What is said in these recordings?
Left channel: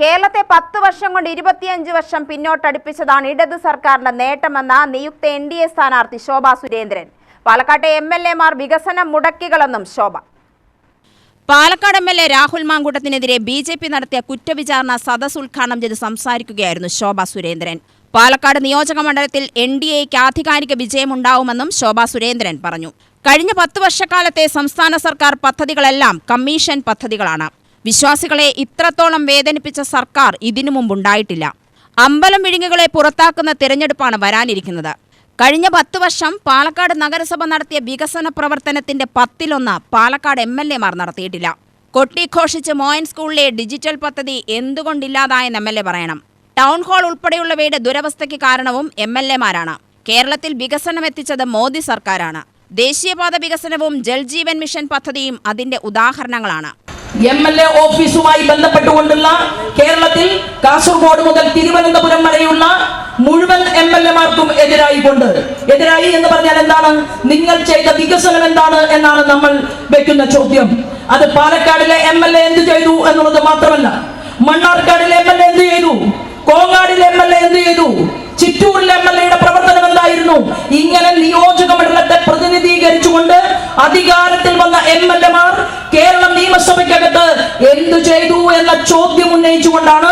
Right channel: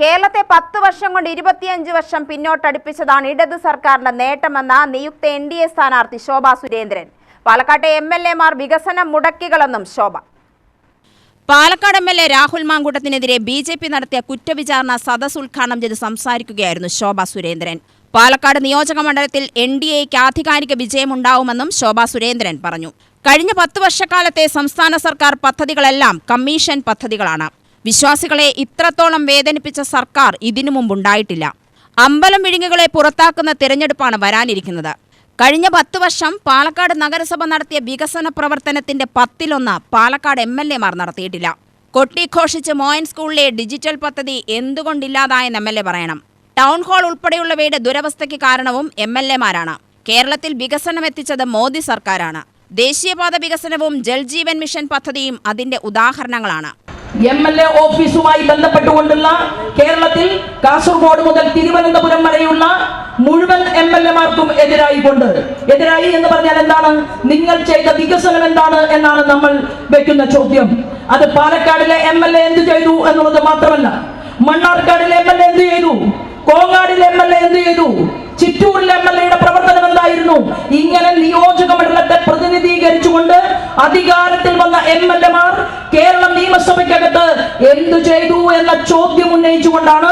കേരളത്തെ 10 വർഷം കൊണ്ട് 25 വർഷം പിന്നോട്ടടിപ്പിച്ചതാണ് ഇടത് സർക്കാരിന്റെ നേട്ടമെന്ന നിയുക്ത NDA സ്ഥാനാർത്ഥി ശോഭ സുരേന്ദ്രൻ. പാലക്കാട്ടെ MLA-മാർ വികസനം മുടക്കികളെന്നും ശോഭ. പാലക്കാട് MLA രാഹുൽ മാങ്കൂട്ടത്തിനെതിരെ BJP നടത്തിയ കുറ്റവിചാരണ സദസ് ഉദ്ഘാടനം ചെയ്ത് സംസാരിക്കുകയായിരുന്നു ശോഭ സുരേന്ദ്രൻ. പാലക്കാട് നിയോജക മണ്ഡലത്തിൽ NDAയ്ക്ക് ആധികാരിക വിജയമുണ്ടാവുമെന്നും ശോഭ സുരേന്ദ്രൻ പറഞ്ഞു. കഴിഞ്ഞ 10 വർഷക്കാലത്തെ സംസ്ഥാന സർക്കാർ പദ്ധതികളെല്ലാം കമ്മീഷൻ പദ്ധതികളാണ്. വിശ്വാസികളെ ഇത്രത്തോളം വേദനിപ്പിച്ച സർക്കാർ ഇതിനു മുമ്പുണ്ടായിട്ടില്ല. അമ്പലം വിഴുങ്ങുകളെ പുറത്താക്കുന്ന തിരഞ്ഞെടുപ്പാണ് വരാനിരിക്കുന്നത്. കഴിഞ്ഞ 10 വർഷം പാലക്കാട് നഗരസഭ നടത്തിയ വികസന പ്രവർത്തനത്തിന്റെ 10-1 പാലക്കാട് MLA-മാർ നടത്തിയിട്ടില്ല. കൊട്ടിഘോഷിച്ച് മോയൻ സ്കൂളിലെ ഡിജിറ്റൽ പദ്ധതി എന്തുകൊണ്ടില്ലാതായെന്ന് MLA പറയണം. ടൗൺ ഹാൾ ഉൾപ്പെടെയുള്ളവയുടെ ദുരവസ്ഥയ്ക്ക് കാരണവും MLA-മാരാണ്. കേരളത്തിൽ വികസനം എത്തിച്ചത് മോദി സർക്കാരാണ്. ദേശീയപാത വികസനവും ജൽജീവൻ മിഷൻ പദ്ധതിയും അതിന്റെ ഉദാഹരണങ്ങളാണ്. MLA ഓഫീസുമായി ബന്ധപ്പെട്ടുകൊണ്ടുള്ള കേരളത്തിൽ കാസർഗോഡ് മുതൽ തിരുവനന്തപുരം വരെയുള്ള മുഴുവൻ MLA-മാർക്കും എതിരായി എന്ന് പറഞ്ഞാൽ എന്താണ്? നിങ്ങൾ ചെയ്ത വികസനം എന്താണ് എന്നാണ് നമ്മൾ വെക്കുന്ന ചോദ്യം. അത് പാലക്കാടിലെ MLA എന്ത് ചെയ്തു എന്നുള്ളത് മാത്രമല്ല, മണ്ണാർക്കാടിലെ MLA എന്ത് ചെയ്തു, കോങ്ങാടിലെ MLA എന്ത് ചെയ്തു, ചിറ്റൂരിലെ MLA-യുടെ പ്രവർത്തനം എന്തായിരുന്നു? ഇങ്ങനെ നിയോജക മണ്ഡലത്തെ പ്രതിനിധീകരിച്ചുകൊണ്ട് അധികാരത്തിൽ വന്ന MLA-മാർ കേരളം നിയമസഭയ്ക്കകത്ത് എന്തു ചെയ്തു എന്ന ചോദ്യം ഉന്നയിച്ചുകൊണ്ടാണ്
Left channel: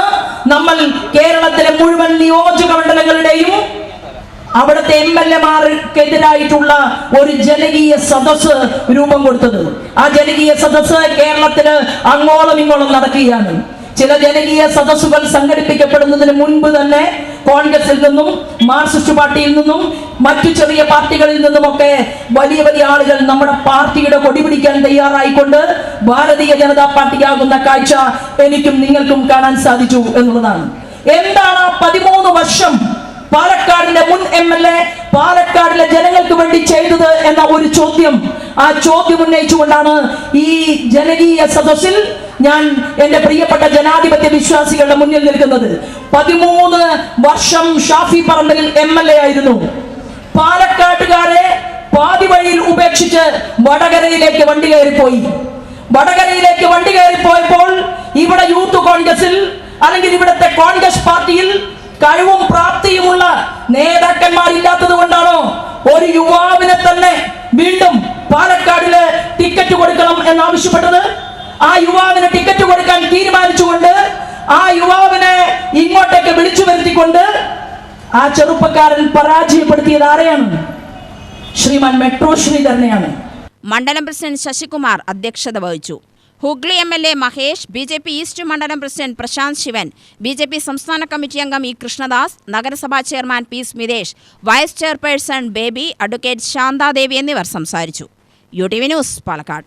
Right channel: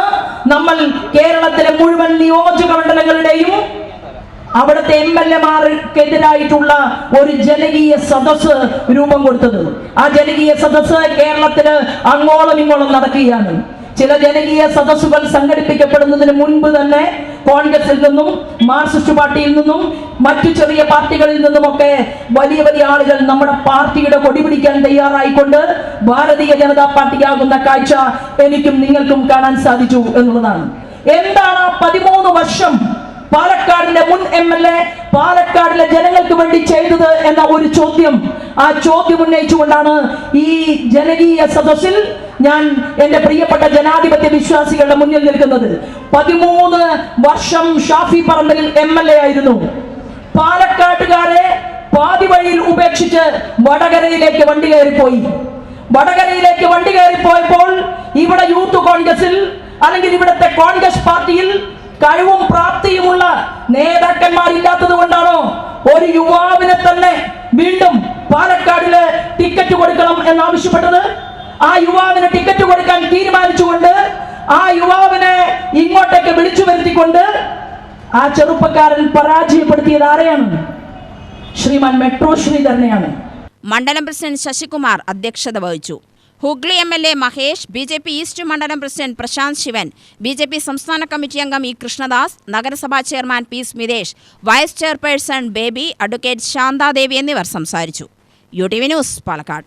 നമ്മൾ കേരളത്തിലെ മുഴുവൻ നിയോജക മണ്ഡലങ്ങളുടെയും അവിടുത്തെ MLA-മാർക്കെതിരായിട്ടുള്ള ഒരു ജനകീയ സദസ് രൂപം കൊടുത്തത്. ആ ജനകീയ സദസ് കേരളത്തില് അങ്ങോളം ഇങ്ങോളം നടക്കുകയാണ്. ചില ജനകീയ സദസ്സുകൾ സംഘടിപ്പിക്കപ്പെടുന്നതിന് മുൻപ് തന്നെ കോൺഗ്രസിൽ നിന്നും മാർക്സിസ്റ്റ് പാർട്ടിയിൽ നിന്നും മറ്റു ചെറിയ പാർട്ടികളിൽ നിന്നുമൊക്കെ വലിയ വലിയ ആളുകൾ നമ്മുടെ പാർട്ടിയുടെ കൊടി പിടിക്കാൻ തയ്യാറായിക്കൊണ്ട് ഭാരതീയ ജനതാ പാർട്ടിയാകുന്ന കാഴ്ച എനിക്കും നിങ്ങൾക്കും കാണാൻ സാധിച്ചു എന്നുള്ളതാണ്. എന്താണ് 13 വർഷം പാലക്കാടിന്റെ മുൻ MLA പാലക്കാടിലെ ജനങ്ങൾക്ക് വേണ്ടി ചെയ്തത് എന്ന ഒരു ചോദ്യം, ആ ചോദ്യം ഉന്നയിച്ചുകൊണ്ടാണ് ഈ ജനകീയ സദസ്സിൽ ഞാൻ എന്റെ പ്രിയപ്പെട്ട ജനാധിപത്യ വിശ്വാസികളുടെ മുന്നിൽ നിൽക്കുന്നത്. 13 വർഷം ഷാഫി പറമ്പിൽ MLA ആയിരുന്നു. പാലക്കാട്ടുകാരെ പാതി വഴിയിൽ ഉപേക്ഷിച്ച് വടകരയിലേക്ക് വണ്ടി കയറിപ്പോയി. വടകരയിലേക്ക് വണ്ടി കയറിപ്പോയപ്പോൾ ഇവിടെ യൂത്ത് കോൺഗ്രസിൽ അല്ലെങ്കിൽ ഇവിടുത്തെ കോൺഗ്രസ് പാർട്ടിയിൽ കഴിവും പ്രാപ്തിയുമുള്ള നേതാക്കന്മാരില്ലാത്തത് കൊണ്ടാണോ ഒരു യുവാവിനെ തന്നെ വീണ്ടും പാലക്കാടില് ടിക്കറ്റ് കൊടുക്കണം എന്നാവശ്യപ്പെട്ടത്? ആ യുവാവിന് ടിക്കറ്റ് കൊടുക്കാൻ തീരുമാനിച്ചുകൊണ്ട് ആ യുവാവിനെ ഇങ്ങോട്ടേക്ക് വിളിച്ചു വരുത്തിക്കൊണ്ട് ആ ചെറുപ്പക്കാരൻ പരാജയപ്പെടുത്തിയത് ആരെയാണ്? ശ്രീമാൻ മെട്രോ ശ്രീധരനെയാണ്. മണ്ഡലം പ്രസിഡന്റ് ശശികുമാർ അധ്യക്ഷത വഹിച്ചു. Hooghly MLA Mahesh, BJP east മണ്ഡലം പ്രസിഡന്റ് പ്രശാന്ത് ശിവൻ, BJP സംസ്ഥാന കമ്മിറ്റി അംഗം E കൃഷ്ണദാസ്, നഗരസഭാ chairman P Smithesh, vice chairperson Baby, advocate Santhadevi എന്നിവർ സംസാരിച്ചു. UTV news, Palakkad.